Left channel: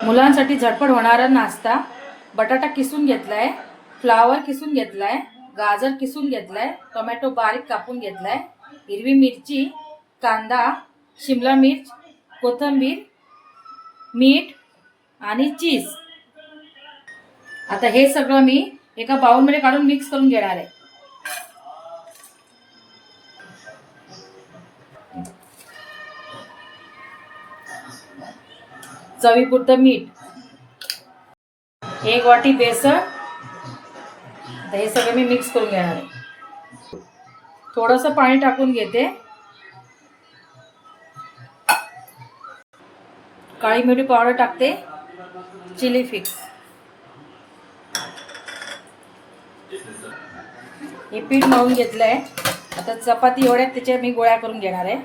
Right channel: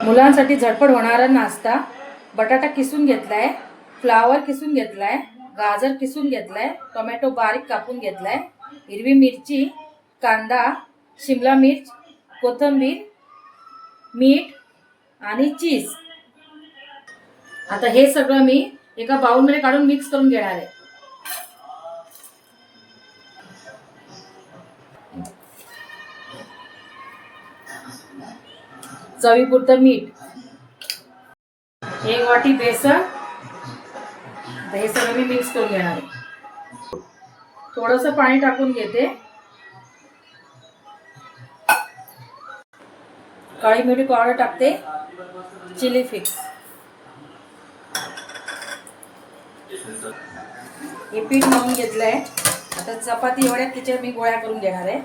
मुलांसाठी झटपट होणारा नाश्ता. बटाटा किसून घेतलाय, फ्लावर किसून घेतलाय, गाजर किसून घेतलाय, टोमॅटो बारीक कापून घेतलाय, हिरवी मिरची, कांदा, शिमला मिर्च, कोथिंबीर, मीठ आणि चीज. आता हे सगळं मी एका बाउलमध्ये काढून मिक्स करून घेणार आहे. चवीपुरतं मीठ, 1 वाटी बेसन. आता हे सगळं मी मिक्स करून घेणार आहे. थोडंसं पाणी टाकून घेते. काळी मिरी पावडर टाकते, चिली फ्लेक्स. हे पीठ मळून घेतलंय. आता चपाती एवढ्या त्याच्या मी गोळ्या करून घेणार आहे.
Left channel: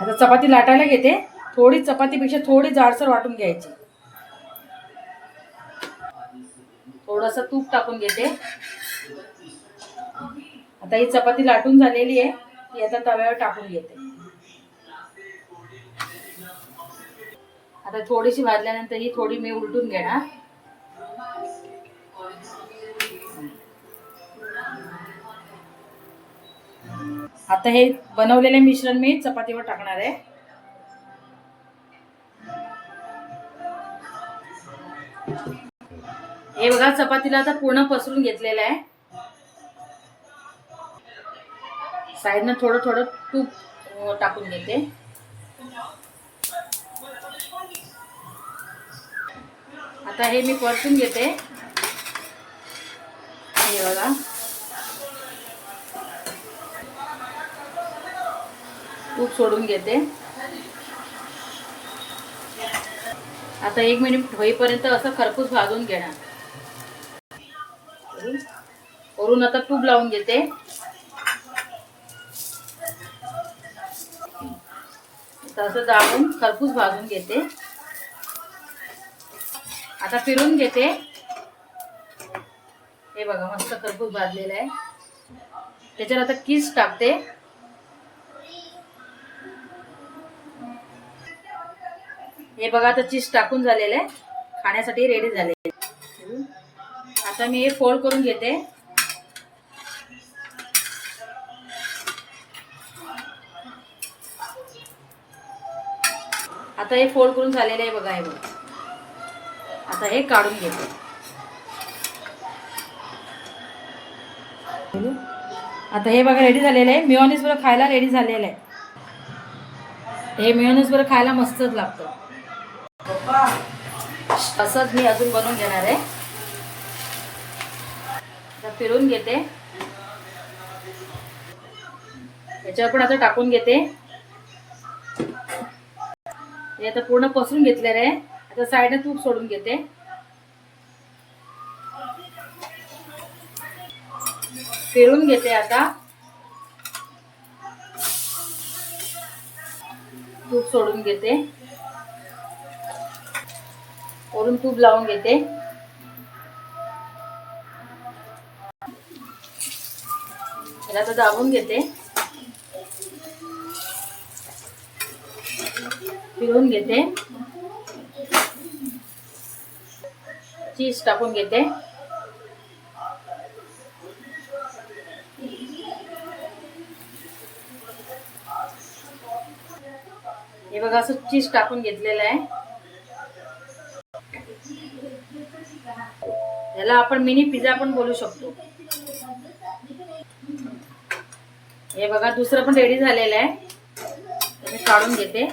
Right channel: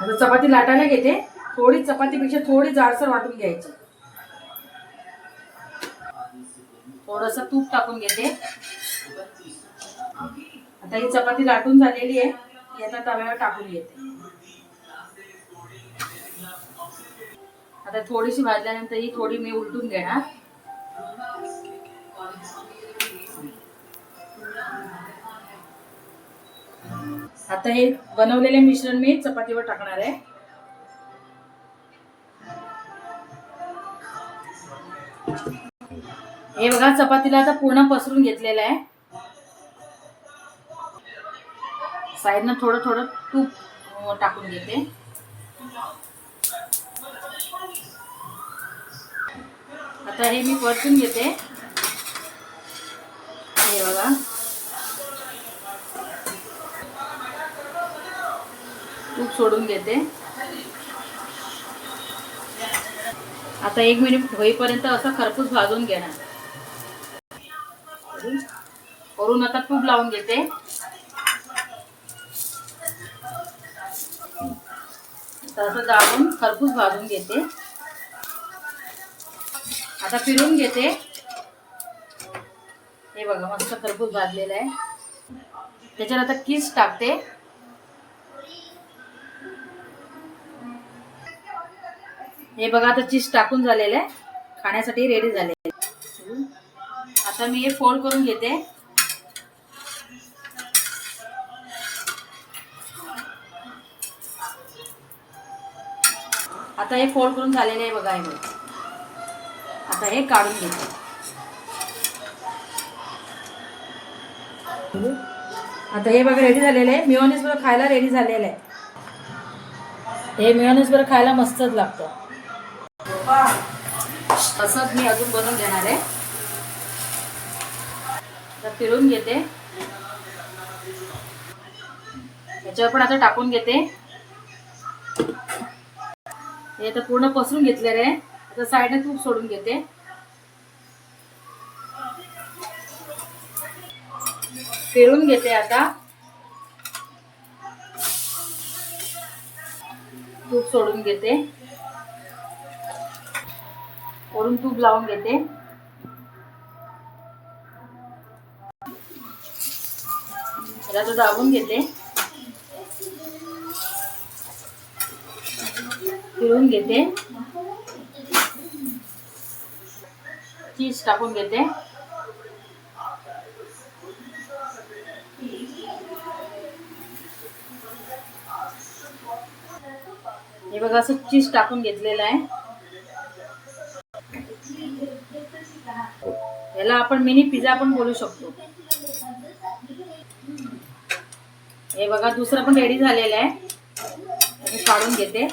आता चपाती लाटायला घेते. थोडी चपातीपेक्षा थोडी जाडसर वाटून घ्यायची. थोडंसं तूप टाकून घेते. आता ही चपाती लाटून झालेली आहे. ती आता तव्यावर टाकून घेते. आता थोडीशी भाजल्यानंतर ही थोडी मी उलटून घेणार. आता हे बनवलेले मिश्रण मी चपातीवर टाकणार आहे. हे बघा, चपातीला आता पूर्ण पसरून घेतलेलं आहे. साईडनं थोडं थोडं तूप टाकून घेते. आता हे मी परतून घेते. हे बघा, तूप सोडून घेते. आता 1 मिनिट होईपर्यंत असं खरपूस भाजून घेणार. वरून आता तूप लावून घेते. असं दाबून खरपूस भाजून घेते. आता फिरून घेते. हे बघा, मस्त खरपूस भाजलेलं आहे. त्याच्यात आता चीज टाकते. हे बघा, आता चीज टाकून झालेलं आहे. खाण्यासाठी रेडी झाले. आता मी हे फोल्ड करून घेते. आता हे फोल्ड करून झालेलं आहे बघा. हे बघा, आता हे काढून घेते. आता हे बघा रेडी झालेलं आहे. मेयोनीज बरोबर खायला रेडी झालेलं आहे. हे मेयोनीज बरोबर खायला मस्तच लागतं. असंच मी अजून बनवून घेणार आहे. आता फिरून घेते. याच्यावर पण आता टाकून घेते. हे आता पूर्ण पसरून घेतलेलं आहे. आता साईडने तूप सोडून घेते. फिरून घेते. आता तूप सोडून घेते. वरून तूप लावून घेते. आता दाबून घेते. फिरून घेते. चीज टाकून घेते. हे बघा, असं चीज टाकून घेतलेलं आहे. याला आपण मिनी पिझ्झा पण बोलू शकतो. हे बघा, दुसरं पण रेडी झालेलं आहे. हे काढून घेते.